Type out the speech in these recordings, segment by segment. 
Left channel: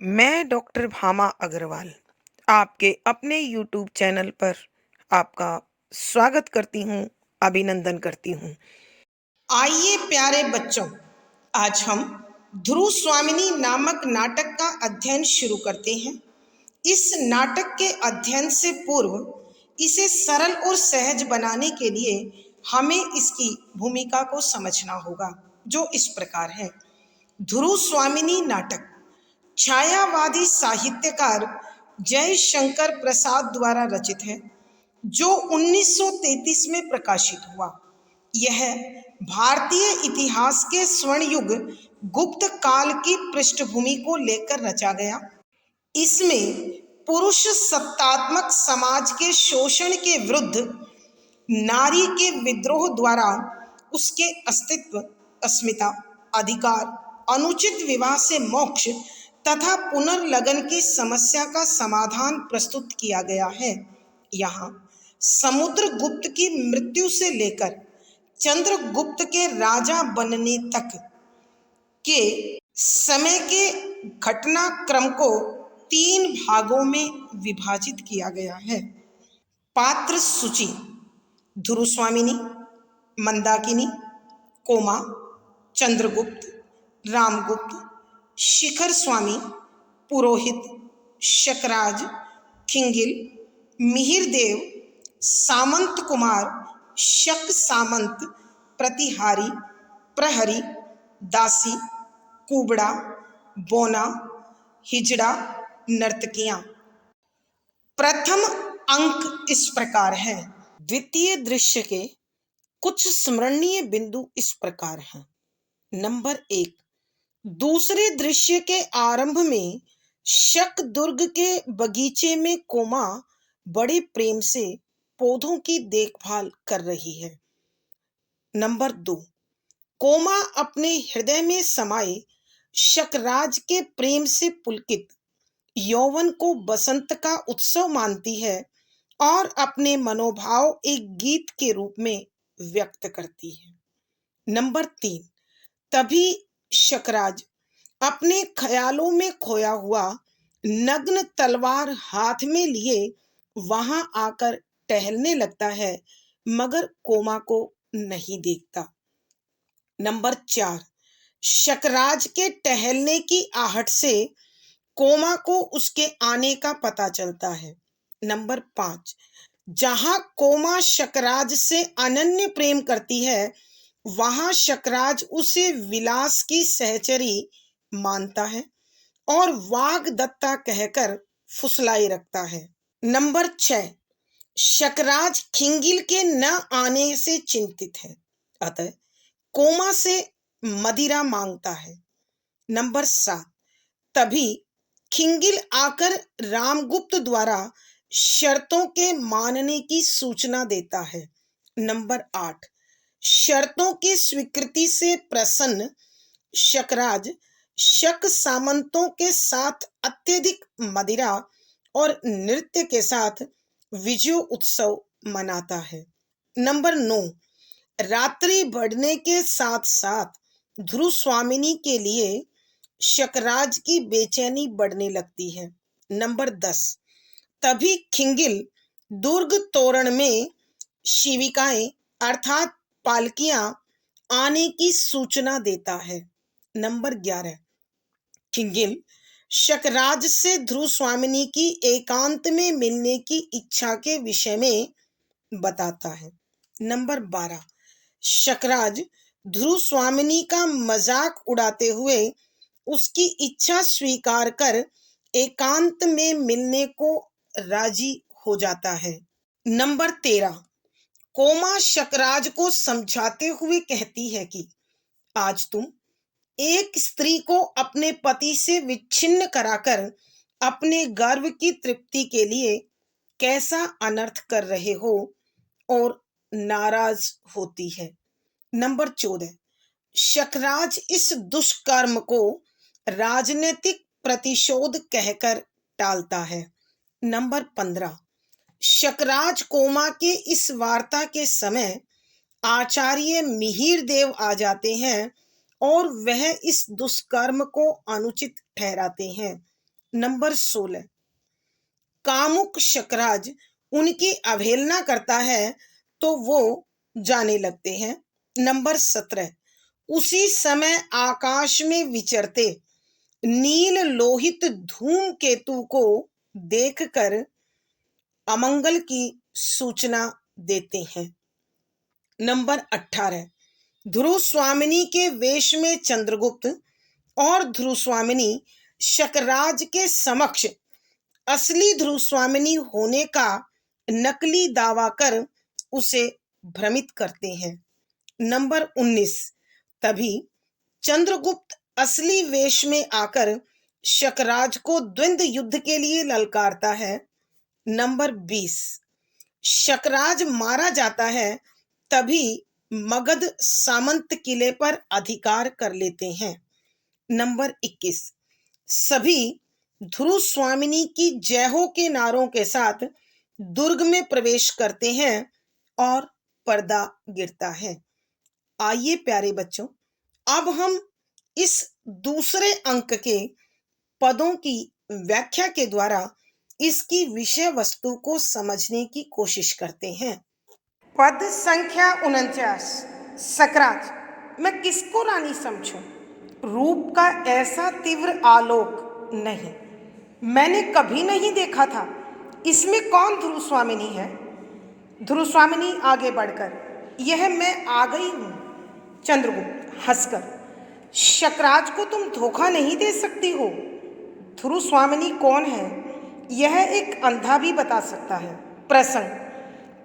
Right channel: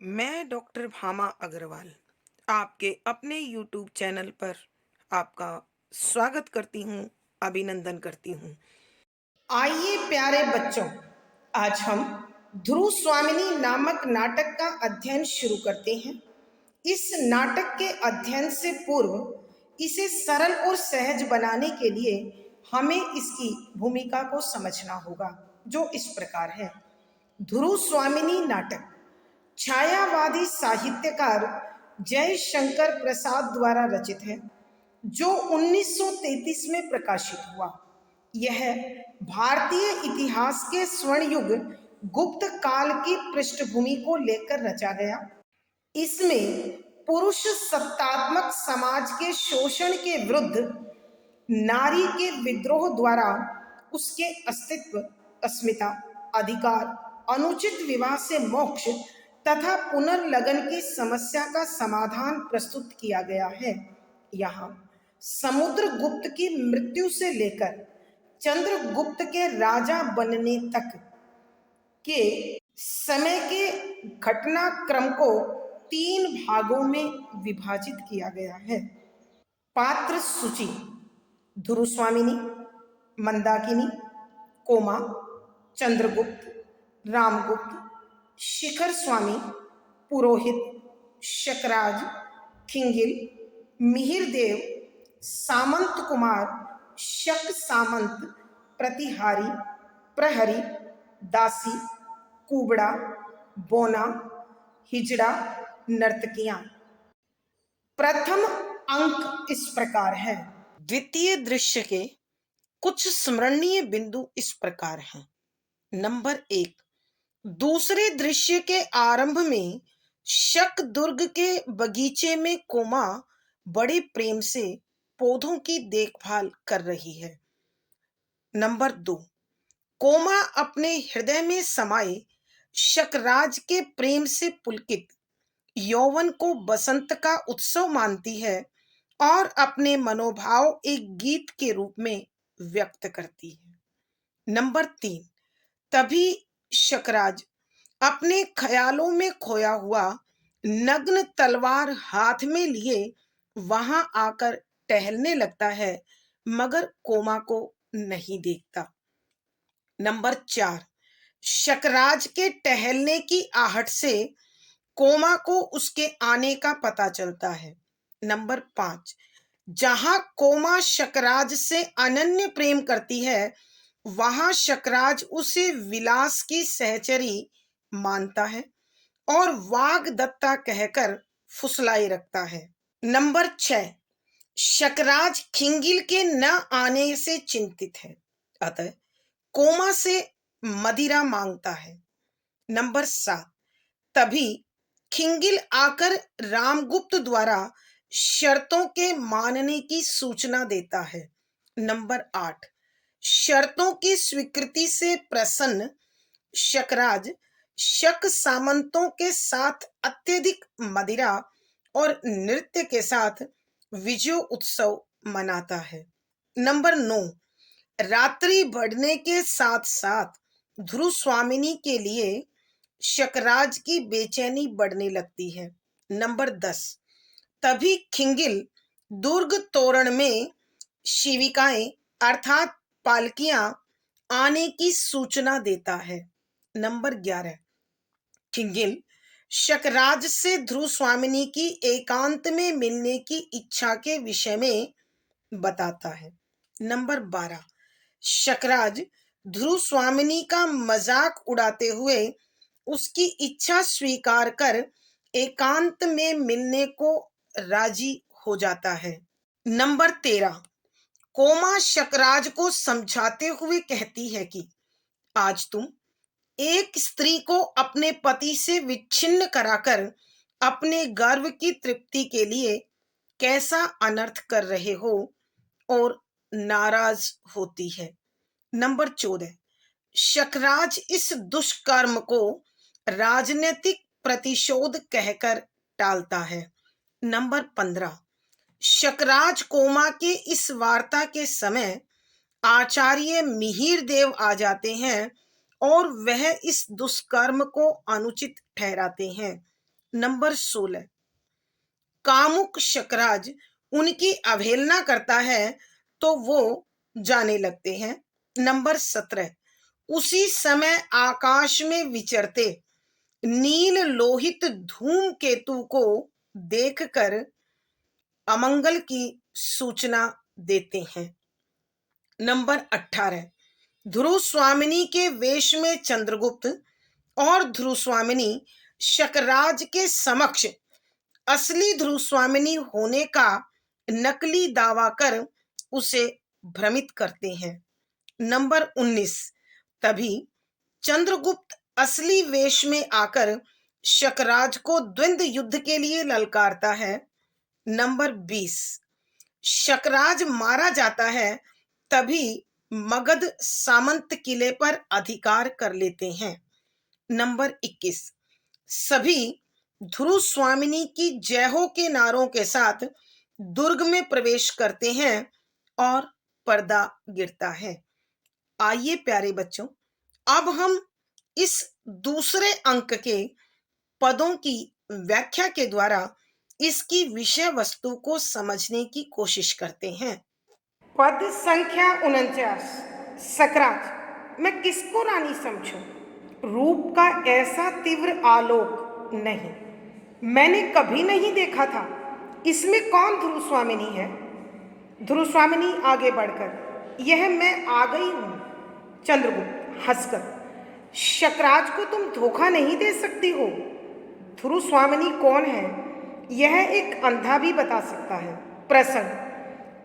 मैं डॉक्टर भामा अग्रवाल आपके अपने यूट्यूब चैनल पर आपका स्वागत करती हूँ, अभिनंदन करती हूँ। आइए प्यारे बच्चों, आज हम ध्रुव स्वामिनी नामक नाटक का अध्ययन शुरू करते हैं। इस नाटक के अध्ययन से पूर्व इसे सरल और सहज बनाने के लिए हमें इसकी भूमिका को समझना होगा, जो इस प्रकार है। ध्रुव स्वामिनी नाटक छायावादी साहित्यकार जयशंकर प्रसाद द्वारा रचित है, जो 1933 में प्रकाशित हुआ। यह भारतीय इतिहास के स्वर्ण युग गुप्त काल की पृष्ठभूमि को लेकर रचा गया। इसमें पुरुष सत्तात्मक समाज के शोषण के विरुद्ध नारी के विद्रोह द्वारा उसके अस्तित्व, अस्मिता, अधिकार, अनुचित विवाह से मोक्ष तथा पुनर्लगन की समस्या का समाधान प्रस्तुत किया गया है। यहाँ समुद्रगुप्त की मृत्यु से लेकर चंद्रगुप्त के राजा बनने तक के समय के घटनाक्रम को 3 भागों में विभाजित किया गया है। पात्र सूची: ध्रुव स्वामिनी, मंदाकिनी, कोमा, चंद्रगुप्त, रामगुप्त, शिखर स्वामी, पुरोहित, शकराज, खिंगिल, मिहिरदेव, सामंत कुमार, शक सामंत, प्रतिहारी, प्रहरी, दासी, कुबड़ा, बोना, हिजड़ा, नर्तकियां। प्रथम अंक इस प्रकार है। द्वितीय दृश्य के कुछ स्मरणीय बिंदु इस प्रकार हैं। नंबर 1, दूसरे दृश्य के आरंभ में शक दुर्ग के बगीचे में कोमा बड़े प्रेम से पौधों की देखभाल कर रही है। नंबर 2, कोमा अपने हृदय में समाये शकराज के प्रेम से पुलकित यौवन को बसंत का उत्सव मानती है और अपने मनोभाव एक गीत के रूप में व्यक्त करती है। नंबर 3, तभी शकराज अपने ख्यालों में खोया हुआ नग्न तलवार हाथ में लिए वहां आकर टहलने लगता है, मगर कोमा को नहीं देखता। नंबर 4, शकराज के टहलने की आहट से कोमा को उसके आने का पता चलता है। नंबर 5, जहां कोमा शकराज से अनन्य प्रेम करती है, वहां शकराज उसे विलास की सहचरी मानता है और वाग्दत्ता कहकर फुसलाई रखता है। नंबर 6, शकराज खिंगिल के न आने से चिंतित है, अतः कोमा से मदिरा मांगता है। नंबर 7, तभी खिंगिल आकर रामगुप्त द्वारा शर्तों के मानने की सूचना देता है। नंबर 8, शर्तों की स्वीकृति से प्रसन्न शकराज शक सामंतों के साथ अत्यधिक मदिरा और नृत्य के साथ विजय उत्सव मनाता है। नंबर 9, रात्रि बढ़ने के साथ साथ ध्रुव स्वामिनी के लिए शकराज की बेचैनी बढ़ने लगती है। नंबर 10, तभी खिंगिल दुर्ग तोरण में शिविकाएं अर्थात पालकियां आने की सूचना देता है। नंबर 11, खिंगिल शकराज से ध्रुव स्वामिनी की एकांत में मिलने की इच्छा के विषय में बताता है। नंबर 12, शकराज ध्रुव स्वामिनी का मजाक उड़ाते हुए उसकी इच्छा स्वीकार कर एकांत में मिलने को राजी हो जाता है। नंबर 13, कोमा शकराज को समझाते हुए कहती है कि आज तुम एक स्त्री को अपने पति से विच्छिन्न कराकर अपने गर्व की तृप्ति के लिए कैसा अनर्थ कर रहे हो और नाराज होती है। नंबर 14, शकराज इस दुष्कर्म को राजनीतिक प्रतिशोध कहकर टालता है। नंबर 15, शकराज कोमा के इस वार्ता के समय आचार्य मिहिरदेव आ जाते हैं और वह इस दुष्कर्म को अनुचित ठहराते हैं। नंबर 16, कामुक शकराज उनकी अवहेलना करता है तो वो जाने लगते हैं। नंबर 17, उसी समय आकाश में विचरते नील लोहित धूमकेतु को देखकर अमंगल की सूचना देते हैं। नंबर 18, ध्रुव स्वामिनी के वेश में चंद्रगुप्त और ध्रुव स्वामिनी शकराज के समक्ष असली ध्रुव स्वामिनी होने का नकली दावा कर उसे भ्रमित करते हैं। नंबर 19, तभी चंद्रगुप्त असली वेश में आकर शकराज को द्वंद्व युद्ध के लिए ललकारता है। नंबर 20, शकराज मारा जाता है तभी मगध सामंत किले पर अधिकार कर लेते हैं। नंबर 21, सभी ध्रुव स्वामिनी की जय हो के नारों के साथ दुर्ग में प्रवेश करते हैं और पर्दा गिरता है। आइए प्यारे बच्चों, अब हम इस दूसरे अंक के पदों की व्याख्या के द्वारा इसकी विषय वस्तु को समझने की कोशिश करते हैं। पद संख्या 49, सकराज। मैं किसको रानी समझूं? रूप का ऐसा तीव्र आलोक नहीं, मैंने कभी नहीं देखा था। इसमें कौन ध्रुव स्वामिनी है? ध्रुव स्वामिनी आगे बढ़कर, यह मैं आ गई हूं। चंद्रगुप्त हंसकर, शकराज को तुम धोखा नहीं दे सकती हो। ध्रुव स्वामिनी कौन है यह एक अंधा भी बता सकता है। प्रसंग,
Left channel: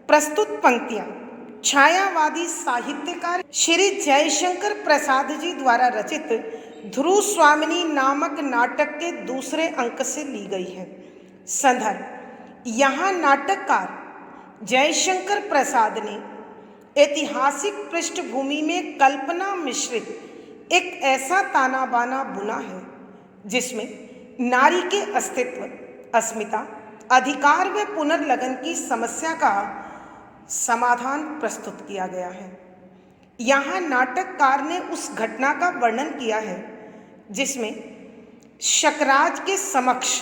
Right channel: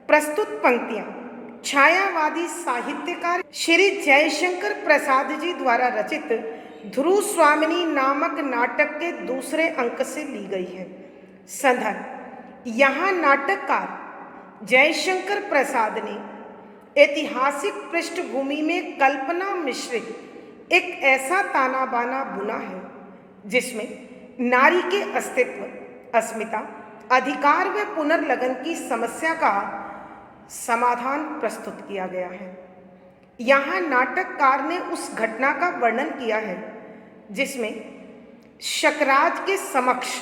प्रस्तुत पंक्तियां छायावादी साहित्यकार श्री जयशंकर प्रसाद जी द्वारा रचित ध्रुव स्वामिनी नामक नाटक के दूसरे अंक से ली गई है। संदर्भ, यहाँ नाटककार जयशंकर प्रसाद ने ऐतिहासिक पृष्ठभूमि में कल्पना मिश्रित एक ऐसा ताना बाना बुना है जिसमें नारी के अस्तित्व, अस्मिता, अधिकार व पुनर्लगन की समस्या का समाधान प्रस्तुत किया गया है। यहाँ नाटककार ने उस घटना का वर्णन किया है जिसमें शकराज के समक्ष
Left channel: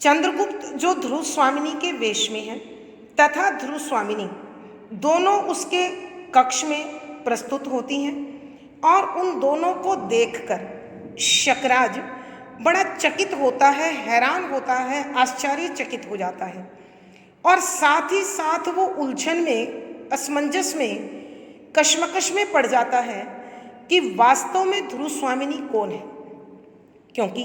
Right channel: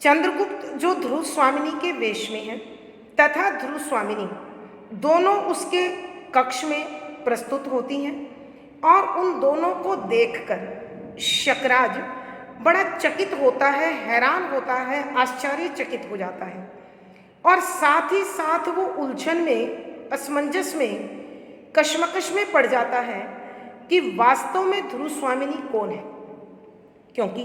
चंद्रगुप्त, जो ध्रुव स्वामिनी के वेश में है, तथा ध्रुव स्वामिनी दोनों उसके कक्ष में प्रस्तुत होती हैं और उन दोनों को देखकर शकराज बड़ा चकित होता है, हैरान होता है, आश्चर्यचकित हो जाता है और साथ ही साथ वो उलझन में, असमंजस में, कश्मकश में पड़ जाता है कि वास्तव में ध्रुव स्वामिनी कौन है, क्योंकि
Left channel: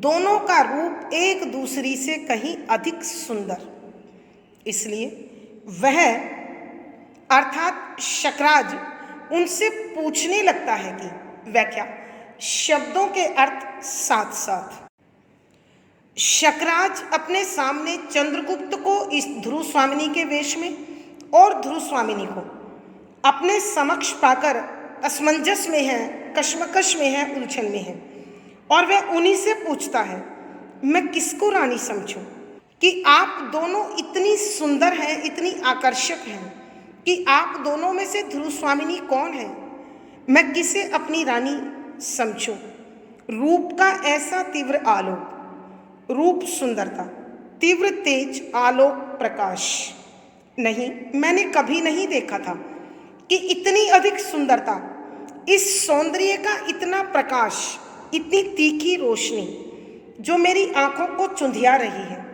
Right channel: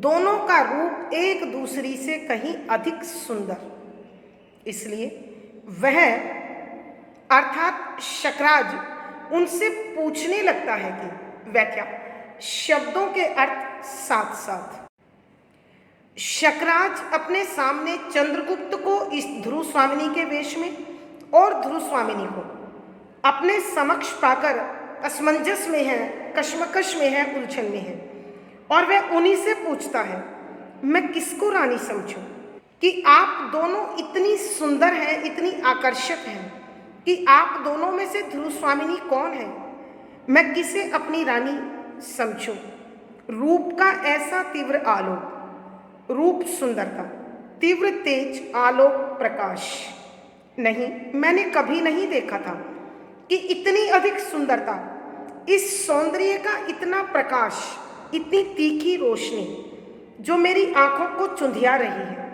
दोनों का रूप एक दूसरी से कहीं अधिक सुंदर। इसलिए वह अर्थात शकराज उनसे पूछने लगता है कि व्याख्या, शब्दों के अर्थ साथ साथ। शकराज अपने सामने चंद्रगुप्त को इस ध्रुव स्वामिनी के वेश में और ध्रुव स्वामिनी को अपने समक्ष पाकर असमंजस में है, कश्मकश में है, उलझन में है और वह उन्हीं से पूछता है, मैं किसको रानी समझूं कि आप दोनों इतनी सुंदर हैं, इतनी आकर्षक हैं कि आप दोनों में से ध्रुव स्वामिनी कौन है? मैं किसे अपनी रानी समझूं? रूप का ऐसा तीव्र आलोक, रूप सुंदरता, तीव्र तेज आलोक प्रकाश नहीं, मैंने कभी नहीं देखा था कि इतनी अधिक सुंदरता, इस सौंदर्य का इतना प्रकाश, इतनी तीखी रोशनी जो मेरी आंखों को चुंधिया रही है,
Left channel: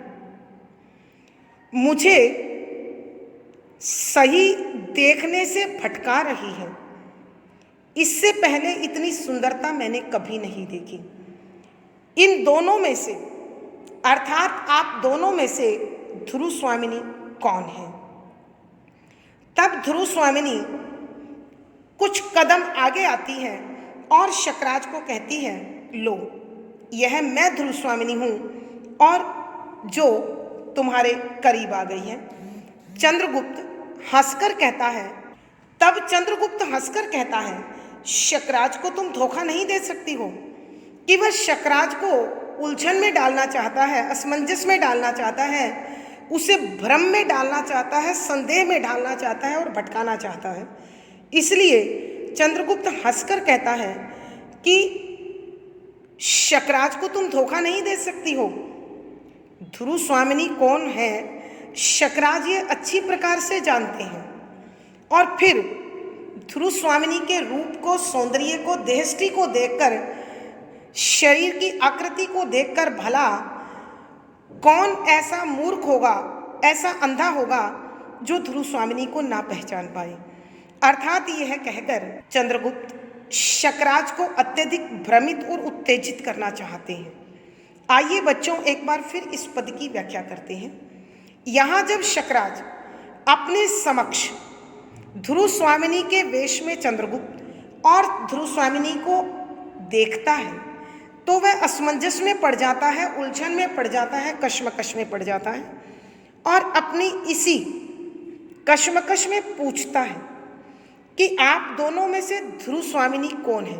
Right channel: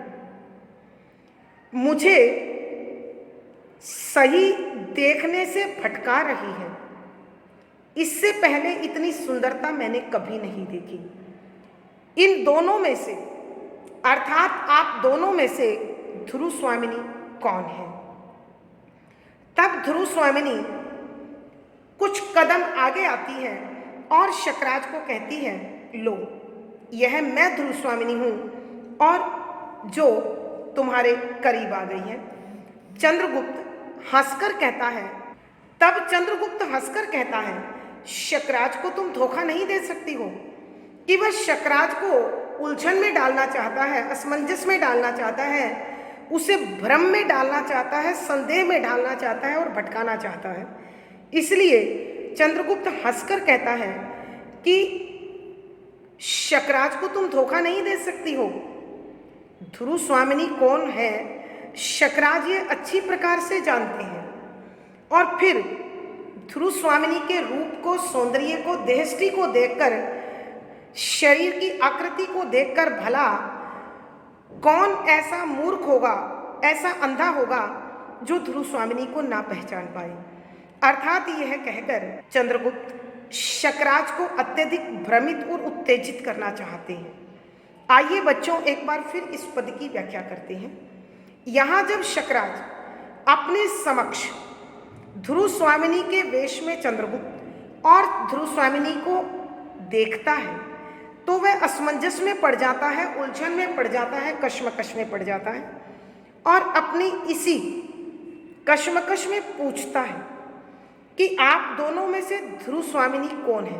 मुझे सही देखने से भटका रही है। इससे पहले इतनी सुंदरता मैंने कभी नहीं देखी। इन दोनों में से अर्थात आप दोनों में से ध्रुव स्वामिनी कौन है? तब ध्रुव स्वामिनी कुछ कदम आगे आती है और शकराज को कहती है, लो, यह मैं ध्रुव स्वामिनी हूँ और जो तुम्हारे करीब आ गई है। चंद्रगुप्त हंसकर कहता है, तब चंद्रगुप्त हंसकर कहता है, शकराज को तुम धोखा नहीं दे सकती हो। कि वह शकराज को उलझन में डालना चाहता है, असमंजस में डालना चाहता है, उसे भ्रम में डालना चाहता है, संदेह में डालना चाहता है और भटकाना चाहता है। इसलिए चंद्रगुप्त हंसकर कहता है कि शकराज को तुम धोखा नहीं दे सकती हो। ध्रुव स्वामिनी कौन है, शकराज ये अच्छी प्रकार से जानते हैं। और फिर ध्रुव स्वामिनी के रूप को, सौंदर्य को, देहष्टि को देखकर, शरीर की आकृति को देखकर भला कौन ऐसा मूर्ख होगा, ऐसा अंधा होगा जो ध्रुव स्वामिनी को ना पहचान पाए। अर्थात यह कहकर चंद्रगुप्त शकराज को अत्यधिक भ्रमित और उत्तेजित करना चाहते हैं। आइए बच्चों एक बार फिर इस पद की व्याख्या करते हैं। यहाँ जब शकराज अपने समक्ष ध्रुव स्वामिनी के वेश में चंद्रगुप्त और ध्रुव स्वामिनी को देखता है तो वह असमंजस में पड़ जाता है, उलझन में पड़ जाता है, कश्मकश में पड़ जाता है और अपनी इसी कश्मकश में पूछता है कि आप दोनों में से ध्रुव स्वामिनी कौन है,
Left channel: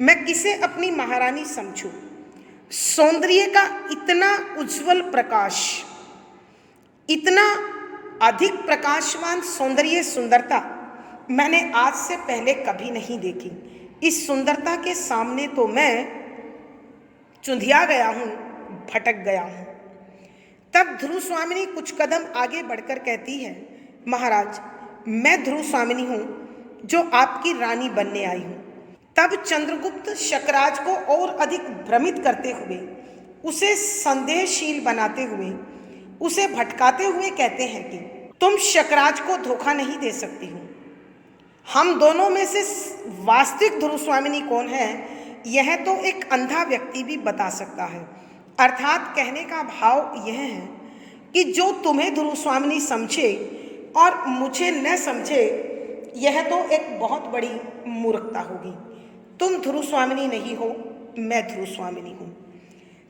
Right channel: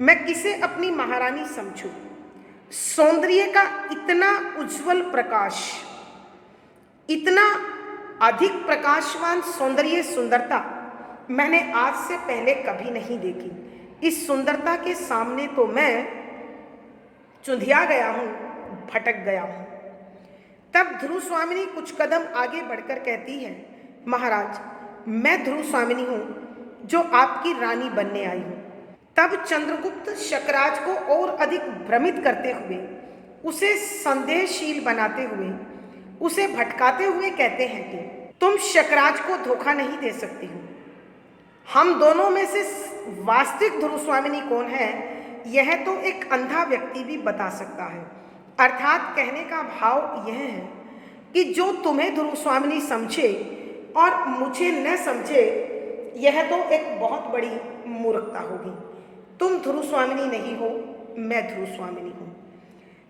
मैं किसे अपनी महारानी समझूं। सौंदर्य का इतना उज्जवल प्रकाश, इतना अधिक प्रकाशमान सौंदर्य, सुंदरता मैंने आज से पहले कभी नहीं देखी। इस सुंदरता के सामने तो मैं चुंधिया गया हूँ, भटक गया हूँ। तब ध्रुव स्वामिनी कुछ कदम आगे बढ़कर कहती है, महाराज मैं ध्रुव स्वामिनी हूँ जो आपकी रानी बनने आई हूँ। तब चंद्रगुप्त शकराज को और अधिक भ्रमित करते हुए, उसे संदेहशील बनाते हुए, उसे भटकाते हुए कहते हैं कि तुम शकराज को धोखा नहीं दे सकती हो। हम दोनों में से वास्तविक ध्रुव स्वामिनी कौन है यह तो एक अंधा व्यक्ति भी बता सकता है। अर्थात कहने का भाव यह है कि जो तुम्हें ध्रुव स्वामिनी समझे और मुझे न समझे, यह तो एक बहुत बड़ी मूर्खता होगी। तुम ध्रुव स्वामिनी नहीं हो, मैं ध्रुव स्वामिनी हूँ।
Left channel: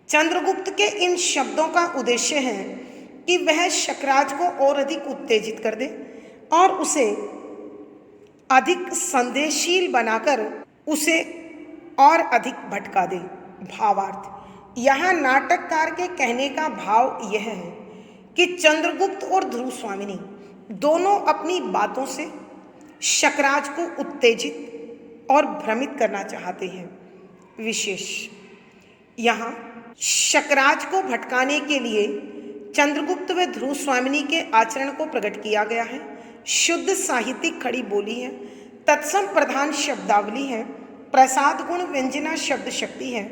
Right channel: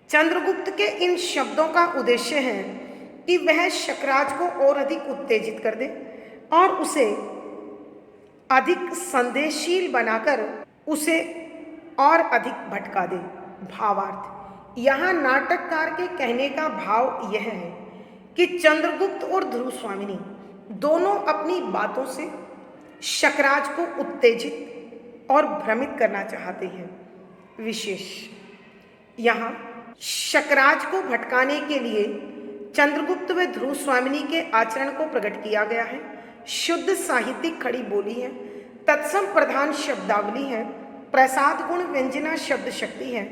चंद्रगुप्त के इन शब्दों का उद्देश्य है कि वह शकराज को और अधिक उत्तेजित कर दे और उसे अधिक संदेहशील बनाकर उसे और अधिक भटका दे। भावार्थ, यहाँ नाटककार के कहने का भाव यह है कि चंद्रगुप्त और ध्रुव स्वामिनी दोनों अपनी बातों से शकराज को उत्तेजित और भ्रमित करना चाहते हैं। विशेष यहाँ शकराज को भटकाने के लिए चंद्रगुप्त व ध्रुव स्वामिनी के आचरण को प्रकट किया गया है। शुद्ध साहित्यिक खड़ी बोली है, तत्सम प्रधान शब्दावली है, प्रसाद गुण व्यंजना शब्द शक्ति है,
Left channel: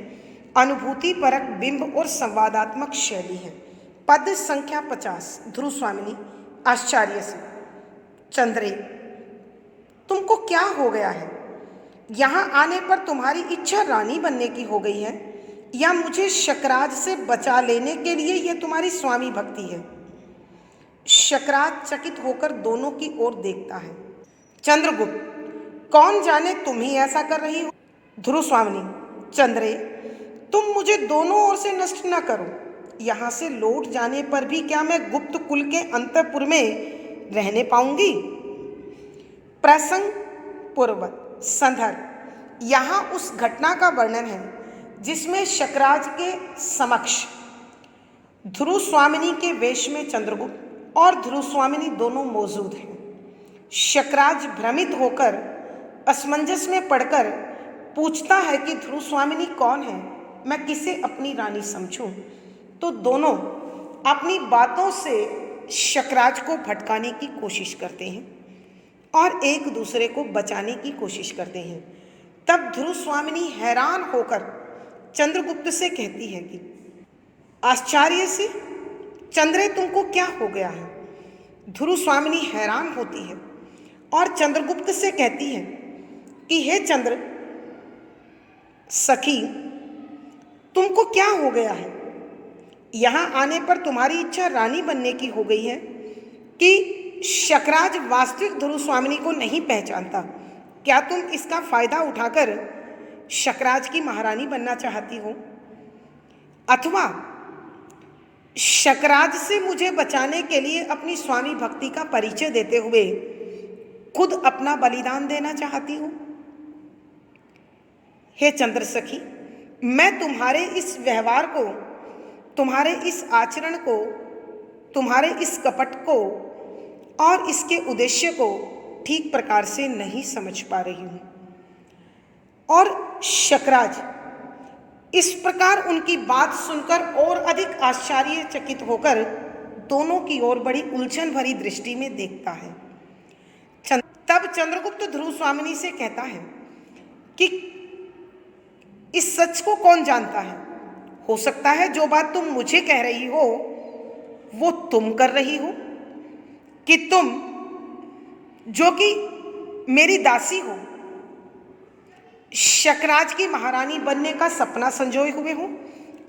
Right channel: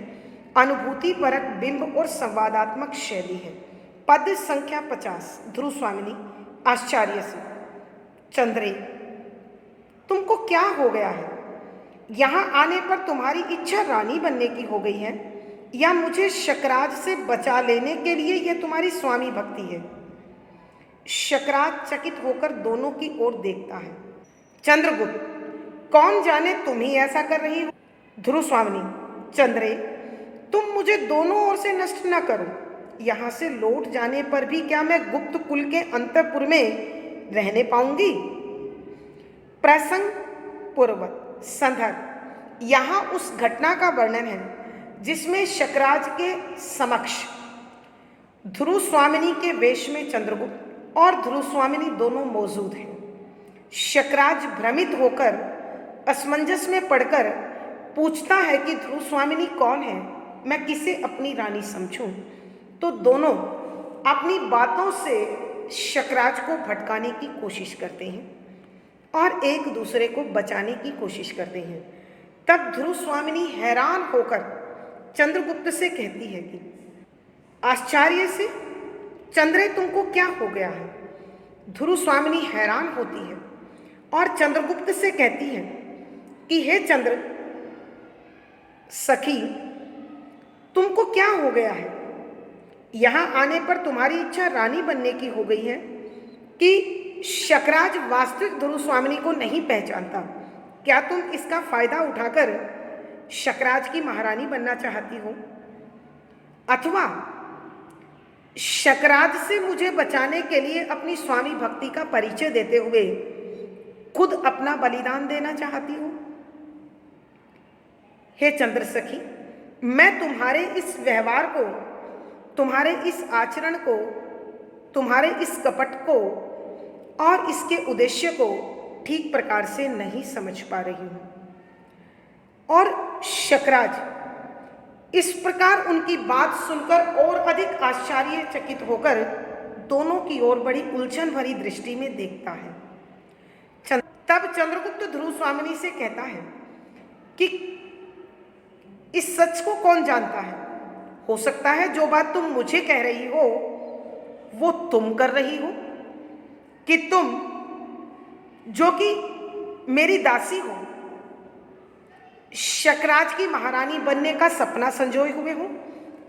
अनुभूति परक बिंब और संवादात्मक शैली है। पद संख्या 50। ध्रुव स्वामिनी आश्चर्य से, चंद्रे तुमको क्या हो गया है? यहाँ आने पर तुम्हारी इच्छा रानी बनने की हो गई है या मुझे शकराज से बचा लेने के लिए यह तुम्हारी स्वामी भक्ति है? शकराज चकित होकर दोनों की ओर देखता है। चंद्रगुप्त, कौन जाने तुम ही ऐसा कर रही हो। ध्रुव स्वामिनी, चंद्रे तुम मुझे दोनों ओर से नष्ट न करो। यहाँ से लौट जाने पर भी क्या मैं गुप्त कुल के अंतःपुर में रहने पाऊंगी? प्रसंग पूर्वक संदर्भ, यहाँ उस घटना का वर्णन है जिसमें शकराज के समक्ष ध्रुव स्वामिनी के वेश में चंद्रगुप्त और ध्रुव स्वामिनी दोनों मौजूद हैं। शकराज भ्रमित होकर, असमंजस में पड़कर पूछता है कि ध्रुव स्वामिनी कौन है, मैं किसे अपनी रानी समझूं। तो दोनों अपनी बातों से शकराज को भटकाने की कोशिश करते हैं और एक दूसरे को बचाने की कोशिश करते हैं। तब ध्रुव स्वामिनी हैरान होकर चंद्रगुप्त से कहती है कि आश्चर्य से, चंद्रे तुमको क्या हो गया है? ध्रुव स्वामिनी हैरान होती है और चंद्रगुप्त से कहती है कि हे चंद्र सखी, तुमको क्या हो गया है? यहाँ आने पर तुम्हारी इच्छा रानी बनने की हो गई है कि शकराज वास्तविक ध्रुव स्वामिनी को नहीं पहचानता। क्या तुम इसका फायदा उठाकर शकराज की महारानी बनना चाहती हो, अथवा शकराज से मुझे बचाने के लिए अपनी स्वामी भक्ति का परिचय देते हुए खुद अपना बलिदान देना चाहती हो? हे चंद्र सखी, मैं तुम्हारे इस व्यवहार को, तुम्हारे इस आचरण को, तुम्हारे इस कपट को और इसके उद्देश्य को ठीक प्रकार से नहीं समझ पा रही हूँ। और शकराज इस प्रकार उनकी बात सुनकर और अधिक आश्चर्यचकित होकर दोनों की ओर बड़ी उलझन भरी दृष्टि में देखता है। तब चंद्रगुप्त ध्रुव स्वामिनी से कहता है कि इस सच को कौन जानता है? हो सकता है जो बात तुम मुझे कह रही हो वो तुम कर रही हो, कि तुम जो कि मेरी दासी हो शकराज की महारानी बनने का सपना संजोए हुए हो,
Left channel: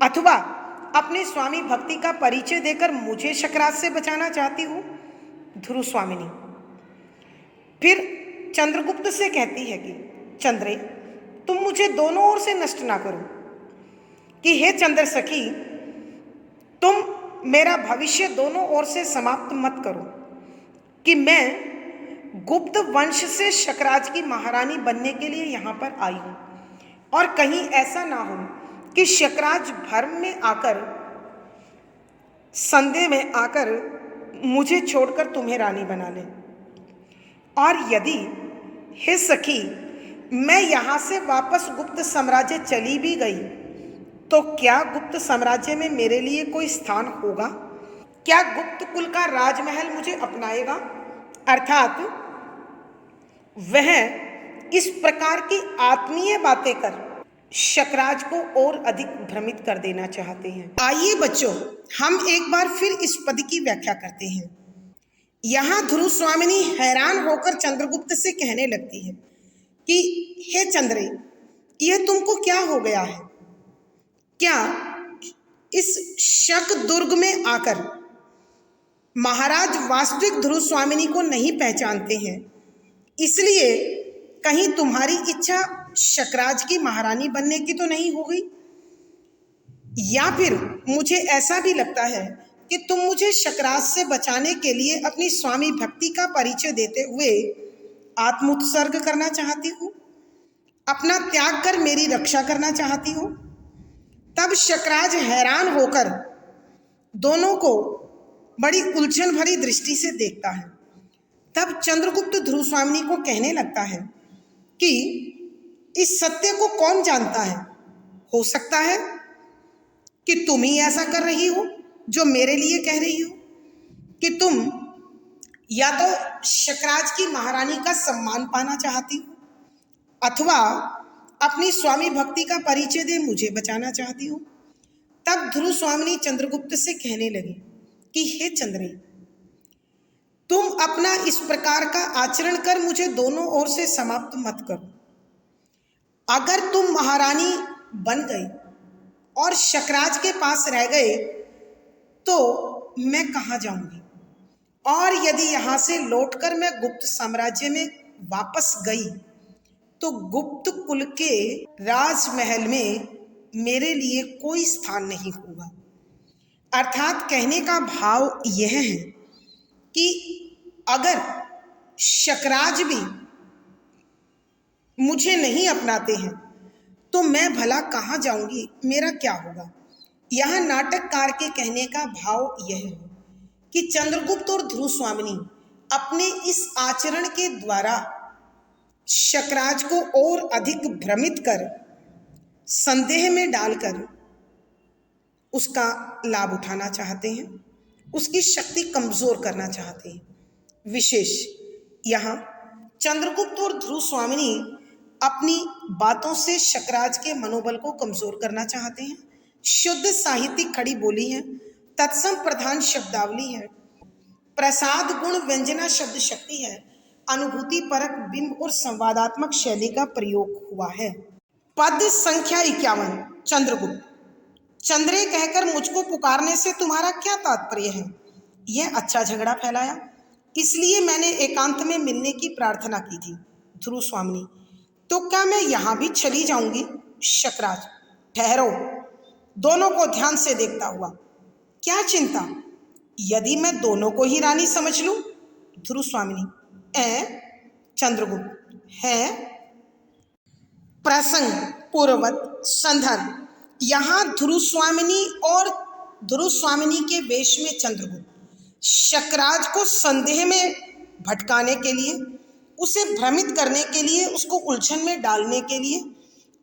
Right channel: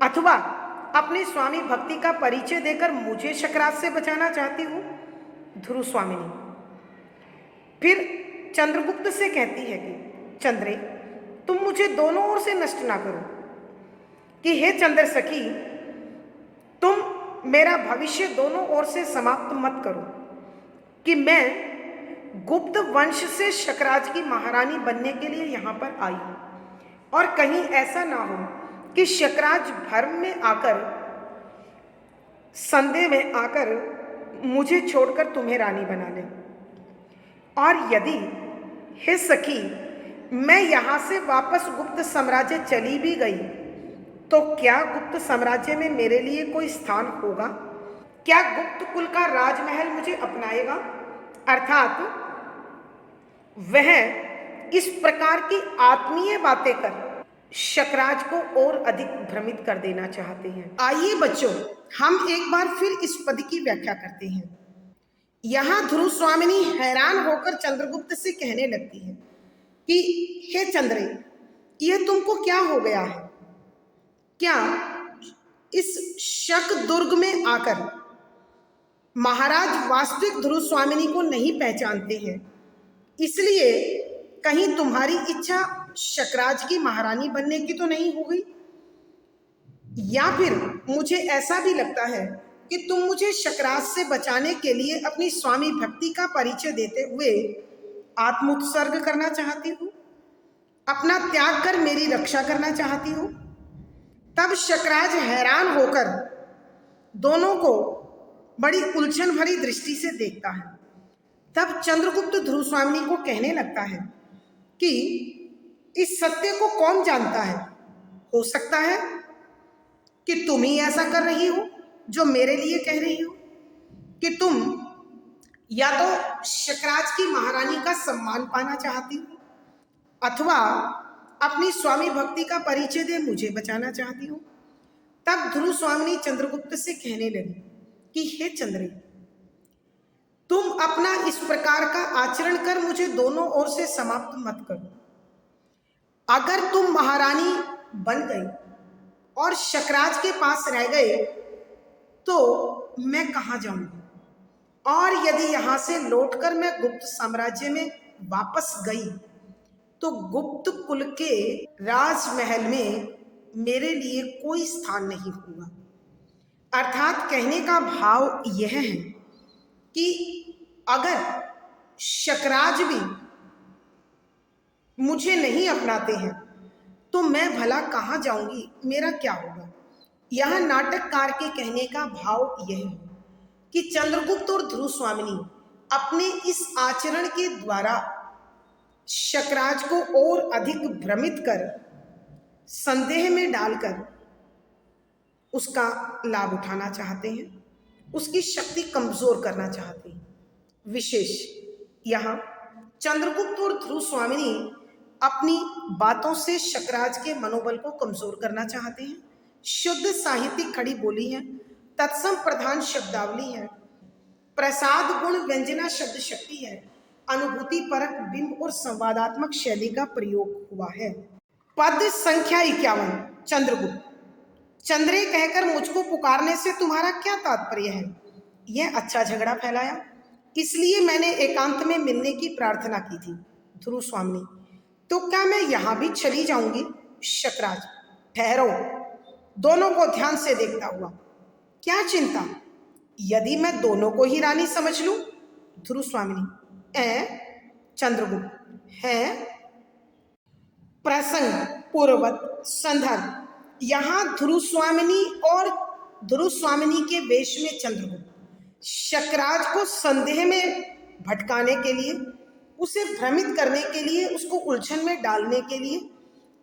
अथवा अपने स्वामी भक्ति का परिचय देकर मुझे शकराज से बचाना चाहती हो। ध्रुव स्वामिनी फिर चंद्रगुप्त से कहती है कि चंद्रे, तुम मुझे दोनों ओर से नष्ट ना करो, कि हे चंद्र सखी, तुम मेरा भविष्य दोनों ओर से समाप्त मत करो, कि मैं गुप्त वंश से शकराज की महारानी बनने के लिए यहाँ पर आई हूँ, और कहीं ऐसा ना हो कि शकराज भ्रम में आकर, संदेह में आकर मुझे छोड़कर तुम्हें रानी बना ले। और यदि हे सखी मैं यहाँ से वापस गुप्त साम्राज्य चली भी गई तो क्या गुप्त साम्राज्य में मेरे लिए कोई स्थान होगा? क्या गुप्त कुल का राजमहल मुझे अपनाएगा? अर्थात वह इस प्रकार की आत्मीय बातें कर शकराज को और अधिक भ्रमित कर देना चाहते हैं। आइए बच्चों, हम एक बार फिर इस पद की व्याख्या करते हैं। यहाँ ध्रुव स्वामिनी हैरान होकर चंद्रगुप्त से कहने लगती है कि हे चंद्रे, यह तुमको क्या हो गया है? क्या इस शक दुर्ग में आकर महाराज वास्तविक ध्रुव स्वामिनी को नहीं पहचानते हैं, इसलिए कहीं तुम्हारी इच्छा शकराज की महारानी बनने की तो नहीं हो गई? या फिर मुझे ऐसा भी लगता है कि तुम मुझे शकराज से बचाने के लिए अपनी स्वामी भक्ति का परिचय देते हुए आत्मोत्सर्ग करना चाहती हो, अपना त्याग कर मेरी रक्षा करना चाहती हो। तब शकराज हैरान होकर दोनों को बड़ी उलझन भरी दृष्टि से देखता है। तब चंद्रगुप्त ध्रुव स्वामिनी को कहने लगता है कि इस सत्य को कौन जानता है? हो सकता है कि तुम ही ऐसा कर रही हो जो मेरे लिए कह रही हो, कि तुम या तो शकराज की महारानी का सम्मान पाना चाहती हो, अथवा अपनी स्वामी भक्ति का परिचय दे मुझे बचाना चाहती हो। तब ध्रुव स्वामिनी चंद्रगुप्त से कहने लगी कि हे चंद्रे, तुम अपना इस प्रकार का आचरण कर मुझे दोनों ओर से समाप्त मत करो। अगर तुम महारानी बन गई और शकराज के पास रह गए तो मैं कहाँ जाऊंगी? और यदि यहाँ से लौटकर मैं गुप्त साम्राज्य में वापस गई तो गुप्त कुल के राजमहल में मेरे लिए कोई स्थान नहीं होगा। अर्थात कहने का भाव यह है कि अगर शकराज भी मुझे नहीं अपनाते हैं तो मैं भला कहाँ जाऊंगी, मेरा क्या होगा? यह नाटककार के कहने का भाव यह है कि चंद्रगुप्त और ध्रुव स्वामिनी अपने इस आचरण के द्वारा शकराज को और अधिक भ्रमित कर, संदेह में डालकर उसका लाभ उठाना चाहते हैं, उसकी शक्ति कमजोर करना चाहते हैं। विशेष यहाँ चंद्रगुप्त और ध्रुव स्वामिनी अपनी बातों से शकराज के मनोबल को कमजोर करना चाहते हैं। शुद्ध साहित्यिक खड़ी बोली है, तत्सम प्रधान शब्दावली है, प्रसाद गुण व्यंजना शब्द शक्ति है, अनुभूति परक बिंब और संवादात्मक शैली का प्रयोग हुआ है। पद संख्या 51। चंद्रगुप्त, चंद्रे कहकर मुझको पुकारने से तुम्हारा क्या तात्पर्य है? यह अच्छा झगड़ा फैलाया, इसलिए मैंने एकांत में मिलने की प्रार्थना की थी। ध्रुव स्वामिनी, तो क्या मैं यहां भी चली जाऊंगी? शकराज, ठहरो, दोनों को ध्यान से देखता हुआ, क्या चिंता, यदि मैं दोनों को ही रानी समझ लूं? ध्रुव स्वामिनी, चंद्रगुप्त, है प्रसंग पूर्ववत संदर्भ। यहां ध्रुव स्वामिनी और ध्रुव स्वामिनी के वेश में चंद्रगुप्त शकराज को संदेह में भटकाने के लिए, उसे भ्रमित करने के लिए, उसको उलझन में डालने के लिए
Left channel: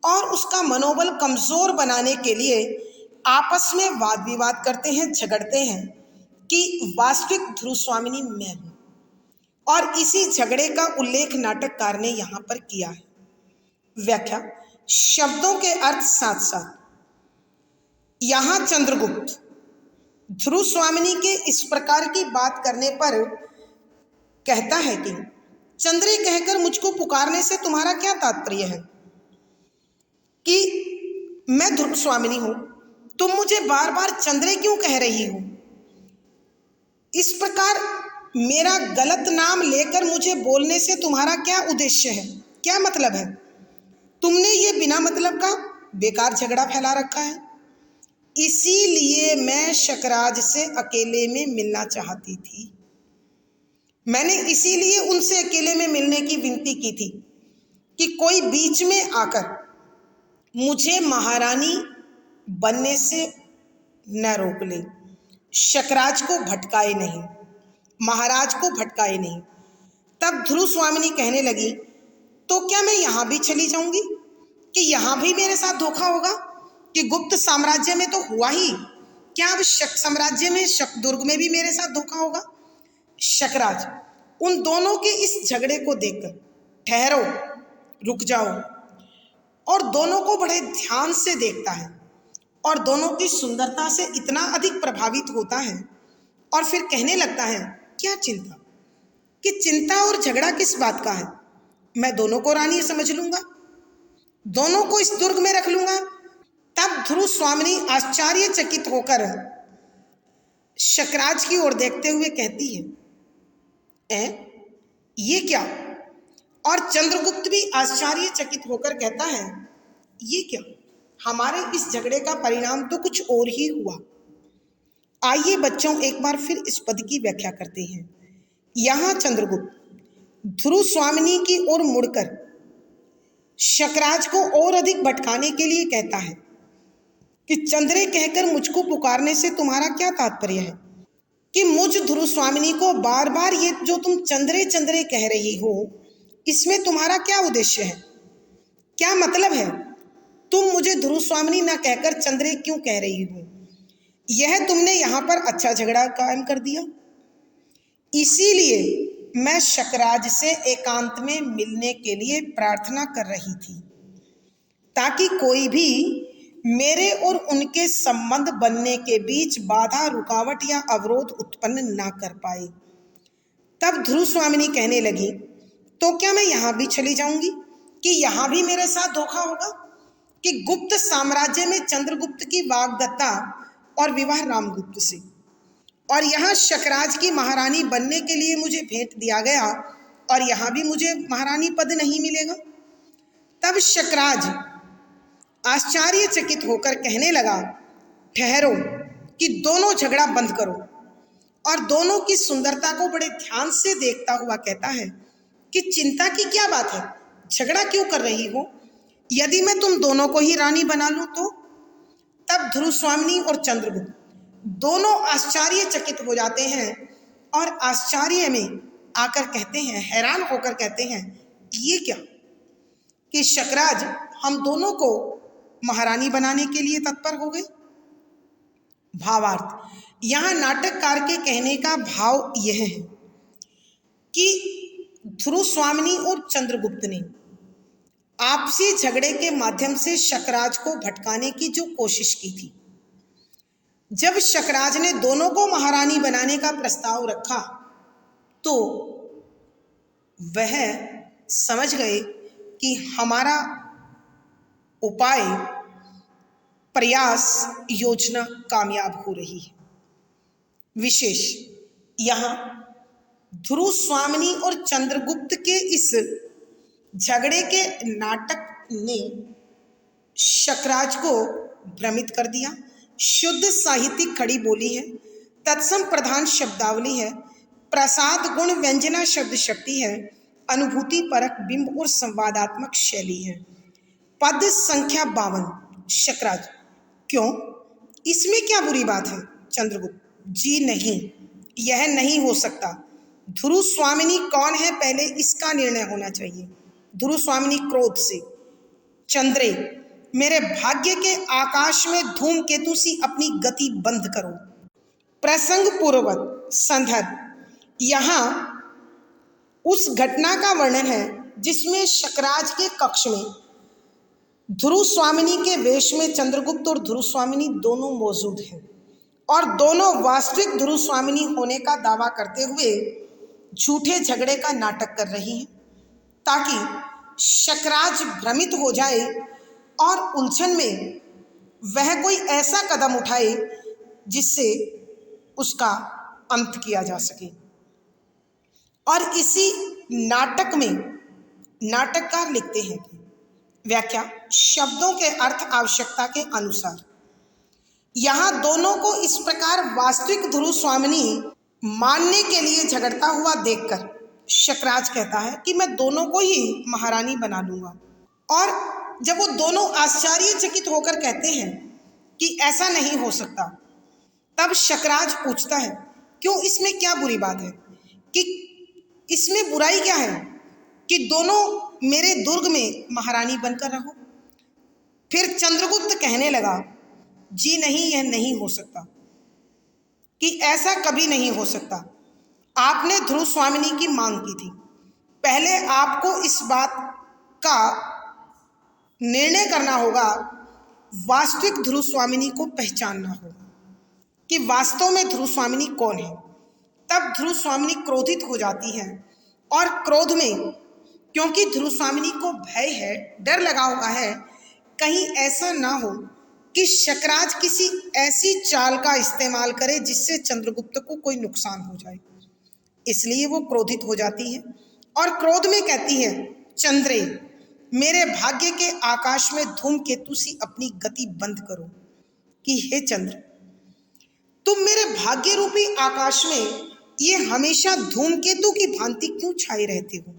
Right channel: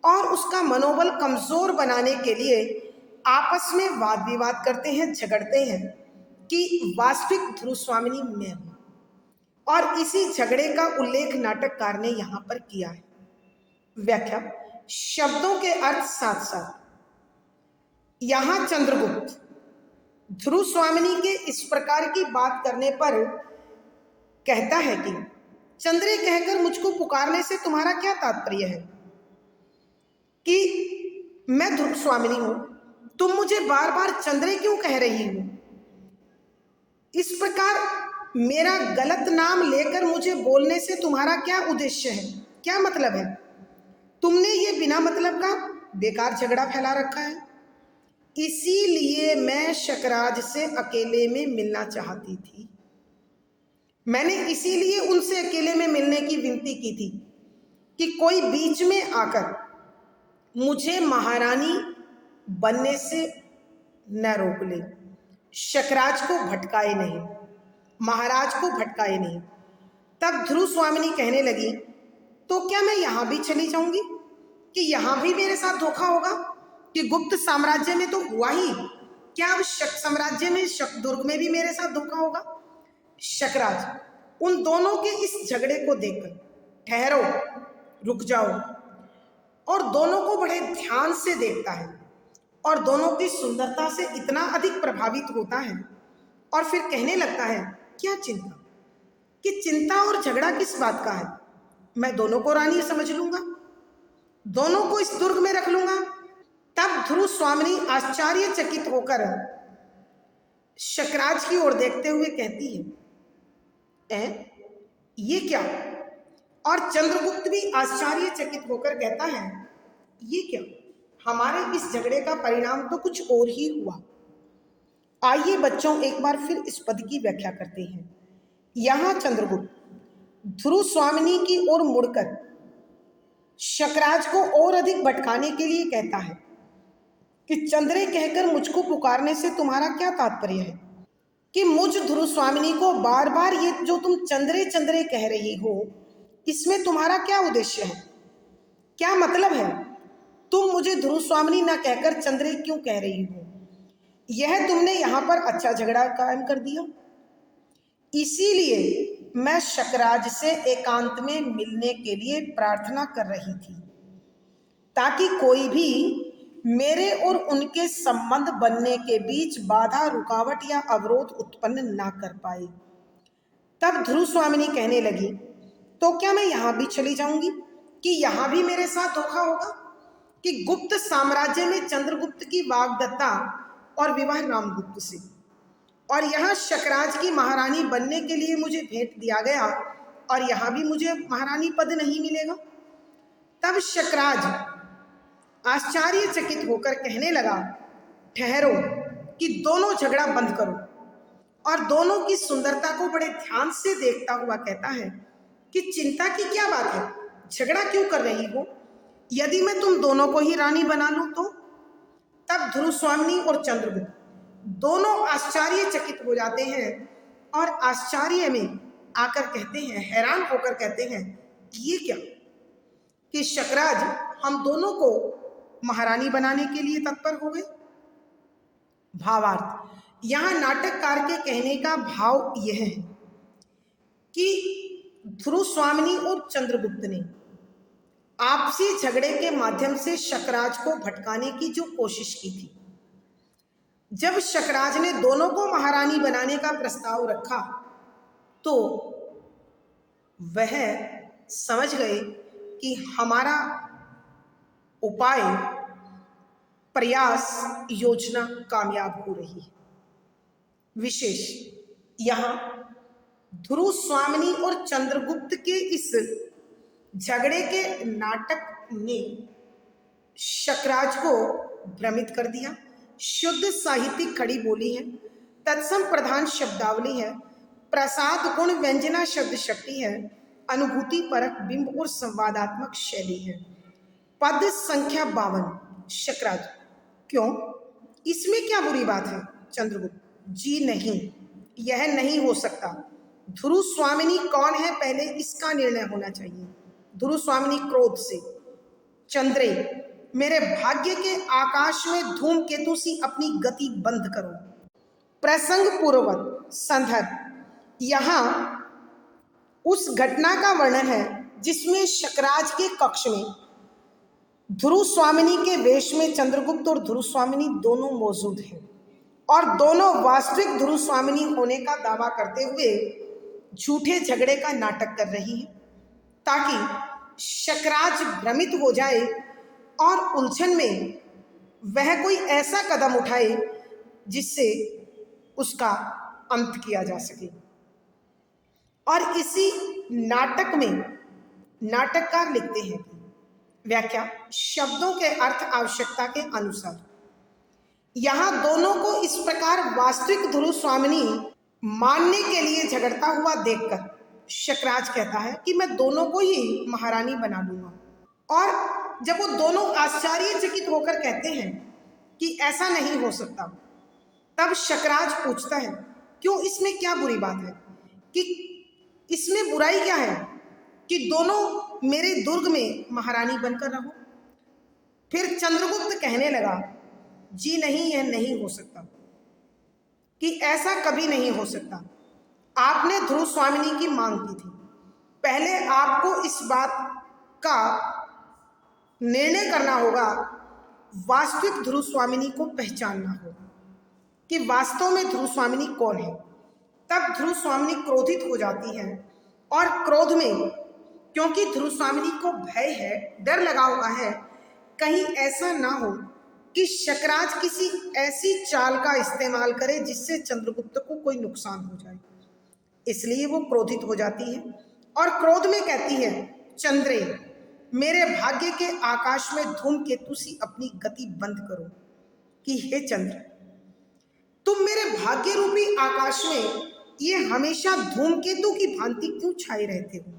और उसका मनोबल कमजोर बनाने के लिए आपस में वाद विवाद करते हैं, झगड़ते हैं कि वास्तविक ध्रुव स्वामिनी मैं हूं। और इसी झगड़े का उल्लेख नाटककार ने यहां पर किया है। व्याख्या। शब्दों के अर्थ साथ साथ यहां चंद्रगुप्त ध्रुव स्वामिनी के इस प्रकार की बात करने पर कहता है कि चंद्रे कहकर मुझको पुकारने से तुम्हारा क्या तात्पर्य है, कि मैं ध्रुव स्वामिनी हूं, तुम मुझे बार बार चंद्रे क्यों कह रही हो? इस प्रकार मेरा गलत नाम लेकर मुझे बोलने से तुम्हारा क्या उद्देश्य है, क्या मतलब है? तुमने ये बिना मतलब का बेकार झगड़ा फैला रखा है। इसीलिए मैं शकराज से अकेले में मिलना चाहती थी। मैंने इसीलिए उनसे अकेले में मिलने की विनती की थी कि कोई बीच में आकर मुझे महारानी बनने से न रोक ले, शकराज को भटकाए नहीं, महाराज को भटकाए नहीं। तब ध्रुव स्वामिनी कहने लगी, तो क्या मैं यहां भी चली जाऊंगी, कि यहां भी मेरे साथ धोखा होगा? कि गुप्त साम्राज्य में तो हुआ ही, क्या अब शक साम्राज्य में, शकदुर्ग में भी मेरे साथ धोखा होगा? शकराज उन दोनों के इस झगड़े को देखकर ठहरो, रुक जाओ, और दोनों को बड़े ध्यान से देखता है और दोनों की सुंदरता से इतना अधिक प्रभावित होता है और फिर कहने लगता है, क्या चिंता, कि चिंता और झगड़ा किस बात का है? मैं दोनों को रानी समझ लूंगा, दोनों को इस दुर्ग में रख लूंगा। तब ध्रुव स्वामिनी आश्चर्यचकित होकर शकराज की ओर देखते हुए कहती है, ये क्या? और चंद्रगुप्त भी आश्चर्यचकित होकर कहता है, ये क्या? हमारे इस झगड़े का परिणाम तो कुछ और ही हुआ। आइए बच्चों एक बार फिर इस पद की व्याख्या करते हैं। यहां चंद्रगुप्त ध्रुव स्वामिनी की ओर मुड़कर शकराज को और अधिक भटकाने के लिए कहता है कि चंद्रे कहकर मुझको पुकारने से तुम्हारा क्या तात्पर्य है, कि मुझ ध्रुव स्वामिनी को बार बार ये जो तुम चंद्रे चंद्रे कह रही हो, इसमें तुम्हारा क्या उद्देश्य है, क्या मतलब है? तुम मुझे ध्रुव स्वामिनी न कहकर चंद्रे क्यों कह रही हो? यह तुमने यहां पर अच्छा झगड़ा कायम कर दिया। इसीलिए मैं शकराज से एकांत में मिलने के लिए प्रार्थना कर रही थी, ताकि कोई भी मेरे और उनके संबंध बनने के बीच बाधा, रुकावट या अवरोध उत्पन्न ना कर पाए। तब ध्रुव स्वामिनी कहने लगी, तो क्या मैं यहां भी चली जाऊंगी, कि यहां भी मेरे साथ धोखा होगा? कि गुप्त साम्राज्य में चंद्रगुप्त की वाग्दत्ता और विवाह रामगुप्त से, और यहाँ शकराज की महारानी बनने के लिए मुझे भेंट दिया गया और यहाँ भी मुझे महारानी पद नहीं मिलेगा। तब शकराज आश्चर्यचकित होकर कहने लगा, ठहरो, कि दोनों झगड़ा बंद करो, और दोनों की सुंदरता को बड़े ध्यान से देखता हुआ कहता है कि चिंता की क्या बात है, झगड़ा क्यों कर रही हो? यदि मैं तुम दोनों को ही रानी बना लूं तो? तब ध्रुव स्वामिनी और चंद्रगुप्त दोनों आश्चर्यचकित हो जाते हैं और आश्चर्य में आकर कहते हैं, हैरान होकर कहते हैं, ये क्या, कि शकराज हम दोनों को महारानी बनाने के लिए तत्पर हो गए। भावार्थ। यहां नाटककार के कहने का भाव यह है कि ध्रुव स्वामिनी और चंद्रगुप्त ने आपसी झगड़े के माध्यम से शकराज को भटकाने की जो कोशिश की थी, जब शकराज ने दोनों को महारानी बनाने का प्रस्ताव रखा तो वह समझ गए कि हमारा उपाय, प्रयास, योजना कामयाब हो रही है। विशेष यहाँ ध्रुव स्वामिनी और चंद्रगुप्त के इस झगड़े के नाटक ने शकराज को भ्रमित कर दिया। शुद्ध साहित्यिक खड़ी बोली है, तत्सम प्रधान शब्दावली है, प्रसाद गुण व्यंजना शब्द शक्ति है, अनुभूति परक बिंब और संवादात्मक शैली है। पद संख्या 52। शकराज, क्यों, इसमें क्या बुरी बात है? चंद्रगुप्त, जी नहीं, यह नहीं हो सकता। ध्रुव स्वामिनी कौन है, पहले इसका निर्णय होना चाहिए। ध्रुव स्वामिनी क्रोध से, चंद्रे, मेरे भाग्य के आकाश में धूमकेतु सी अपनी गति बंद करो। प्रसंग पूर्वक संदर्भ, यहाँ उस घटना का वर्णन है जिसमें शकराज के कक्ष में ध्रुव स्वामिनी के वेश में चंद्रगुप्त और ध्रुव स्वामिनी दोनों मौजूद हैं और दोनों वास्तविक ध्रुव स्वामिनी होने का दावा करते हुए झूठे झगड़े का नाटक कर रही हैं ताकि शकराज भ्रमित हो जाए और उलझन में वह कोई ऐसा कदम उठाए जिससे उसका अंत किया जा सके। और इसी नाटक में नाटककार लिखते हैं कि व्याख्या, शब्दों के अर्थ आवश्यकता के अनुसार। यहाँ दोनों को इस प्रकार वास्तविक ध्रुव स्वामिनी मानने के लिए झगड़ता हुआ देखकर शकराज कहता है कि मैं दोनों को ही महारानी बना लूंगा। और जब वो दोनों आश्चर्यचकित होकर कहते हैं कि ऐसा नहीं हो सकता, तब शकराज पूछता है क्यों, इसमें क्या बुरी बात है, कि इसमें बुराई क्या है कि दोनों मेरे दुर्ग में महारानी बनकर रहो। फिर चंद्रगुप्त कहने लगा, जी नहीं, यह नहीं हो सकता, कि ऐसा कभी नहीं हो सकता। आपने ध्रुव स्वामिनी की मांग की थी, पहले आपको इस बात का निर्णय करना होगा, वास्तविक ध्रुव स्वामिनी को पहचानना होगा कि वास्तव में ध्रुव स्वामिनी कौन है। तब ध्रुव स्वामिनी क्रोधित हो जाती है और क्रोध में, क्योंकि ध्रुव स्वामिनी को भय है, डर लगा हुआ है, कहीं ऐसा ना हो कि शकराज किसी ऐसी चाल का इस्तेमाल करे जिससे चंद्रगुप्त को कोई नुकसान हो जाए, इसलिए वो क्रोधित हो जाती है और क्रोध में कहती है, चंद्रे, मेरे भाग्य के आकाश में धूमकेतु सी अपनी गति बंद करो। कि हे चंद्र, तुम मेरे भाग्य रूपी आकाश में ये हमेशा धूमकेतु की भांति क्यों छाए रहते हो,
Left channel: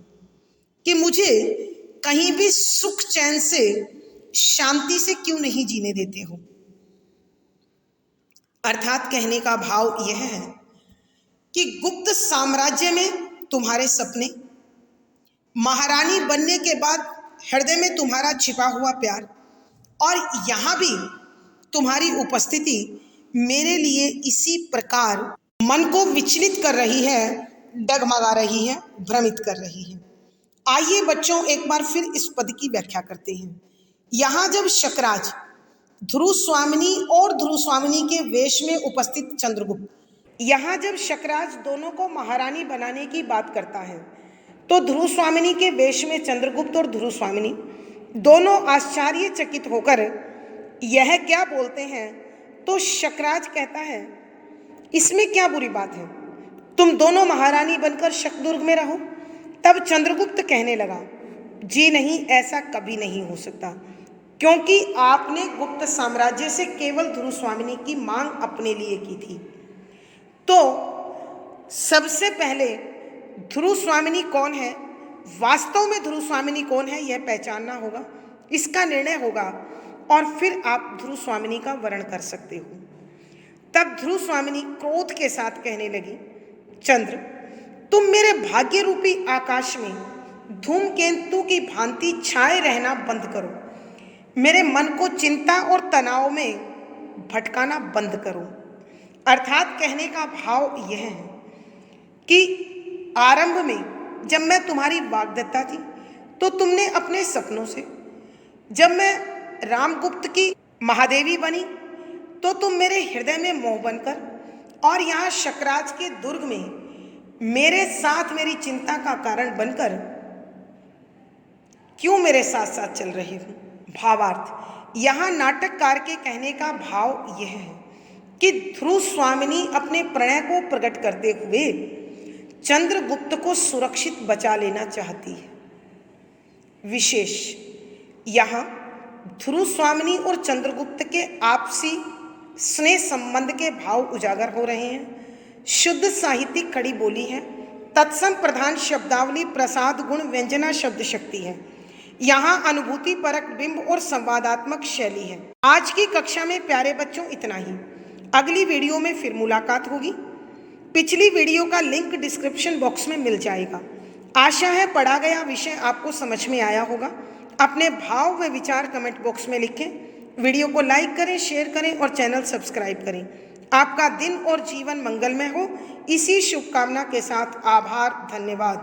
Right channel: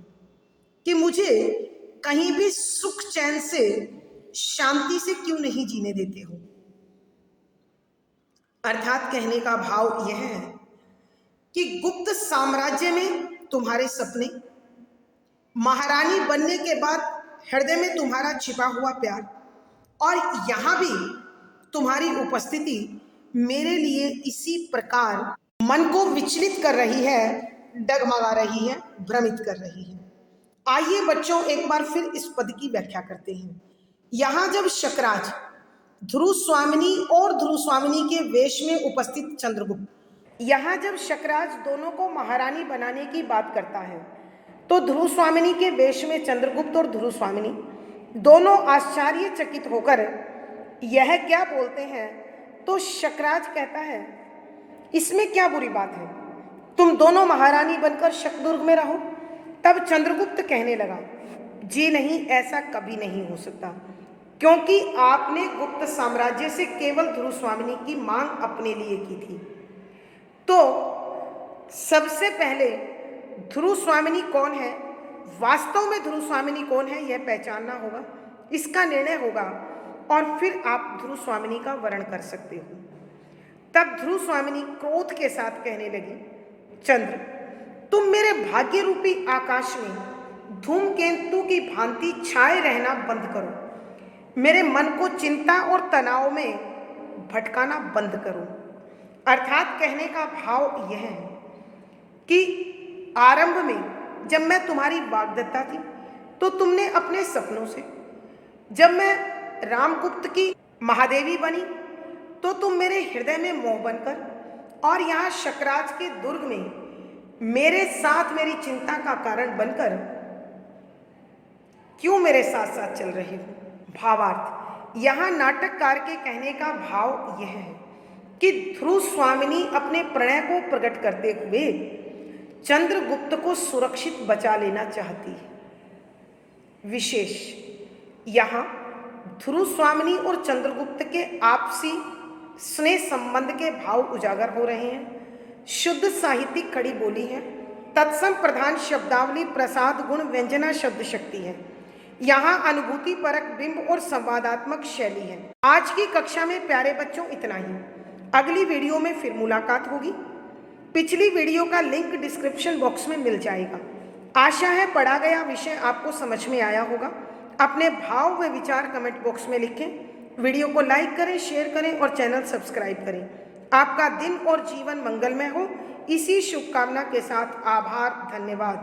कि मुझे कहीं भी सुख चैन से शांति से क्यों नहीं जीने देते हो। अर्थात कहने का भाव यह है कि गुप्त साम्राज्य में तुम्हारे सपने, महारानी बनने के बाद हृदय में तुम्हारा छिपा हुआ प्यार और यहाँ भी तुम्हारी उपस्थिति मेरे लिए इसी प्रकार मन को विचलित कर रही है, डगमगा रही है, भ्रमित कर रही है। आइए बच्चों एक बार फिर इस पद की व्याख्या करते हैं। यहाँ जब शकराज ध्रुव स्वामिनी और ध्रुव स्वामिनी के वेश में उपस्थित चंद्रगुप्त, यहाँ जब शकराज दोनों को महारानी बनाने की बात करता है तो ध्रुव स्वामिनी के वेश में चंद्रगुप्त और ध्रुव स्वामिनी दोनों आश्चर्यचकित होकर यह क्या बोलते हैं, तो शकराज कहता है, इसमें क्या बुरी बात है, तुम दोनों महारानी बनकर शकदुर्ग में रहो। तब चंद्रगुप्त कहने लगा, जी नहीं, ऐसा कभी नहीं हो सकता, क्योंकि आपने गुप्त साम्राज्य से केवल ध्रुव स्वामिनी की मांग अपने लिए की थी। तो सबसे पहले ध्रुव स्वामिनी कौन है, वास्तव में ध्रुव स्वामिनी कौन है, यह पहचानना होगा, इसका निर्णय होगा और फिर आप ध्रुव स्वामिनी का वर्ण कर सकते हो। तब ध्रुव स्वामिनी क्रोध के साथ कहने लगी, चंद्र, तुम मेरे भाग्य रूपी आकाश में धूमकेतु की भांति छाए रहना बंद करो, मेरे मन को चिंता और तनाव में भटकाना बंद करो। अर्थात कहने का भाव यह है कि आरंभ में जब मैं तुम्हारी वाग्दत्ता थी तो तुमने अपने सपनों से, जब मैं रामगुप्त की महादेवी बनी तो तुम मेरे हृदय में मोह बनकर, और यहाँ शकराज के दुर्ग में मेरे साथ मेरी चिंता का कारण बनकर क्यों मेरे साथ साथ चल रही हो। भावार्थ, यहाँ नाटककार के कहने का भाव यह है कि ध्रुव स्वामिनी अपने प्रणय को प्रकट करते हुए चंद्रगुप्त को सुरक्षित बचा लेना चाहती है। विशेष, यहाँ ध्रुव स्वामिनी और चंद्रगुप्त के आपसी स्नेह संबंध के भाव उजागर हो रहे हैं। शुद्ध साहित्यिक खड़ी बोली है, तत्सम प्रधान शब्दावली, प्रसाद गुण, व्यंजना शब्द शक्ति है। यहाँ अनुभूति परक बिंब और संवादात्मक शैली है। आज की कक्षा में प्यारे बच्चों इतना ही। अगली वीडियो में फिर मुलाकात होगी। पिछली वीडियो का लिंक डिस्क्रिप्शन बॉक्स में मिल जाएगा। आशा है पढ़ा गया विषय आपको समझ में आया होगा। अपने भाव व विचार कमेंट बॉक्स में लिखें। वीडियो को लाइक करें, शेयर करें और चैनल सब्सक्राइब करें। आपका दिन और जीवन मंगलमय हो, इसी शुभकामना के साथ आभार, धन्यवाद।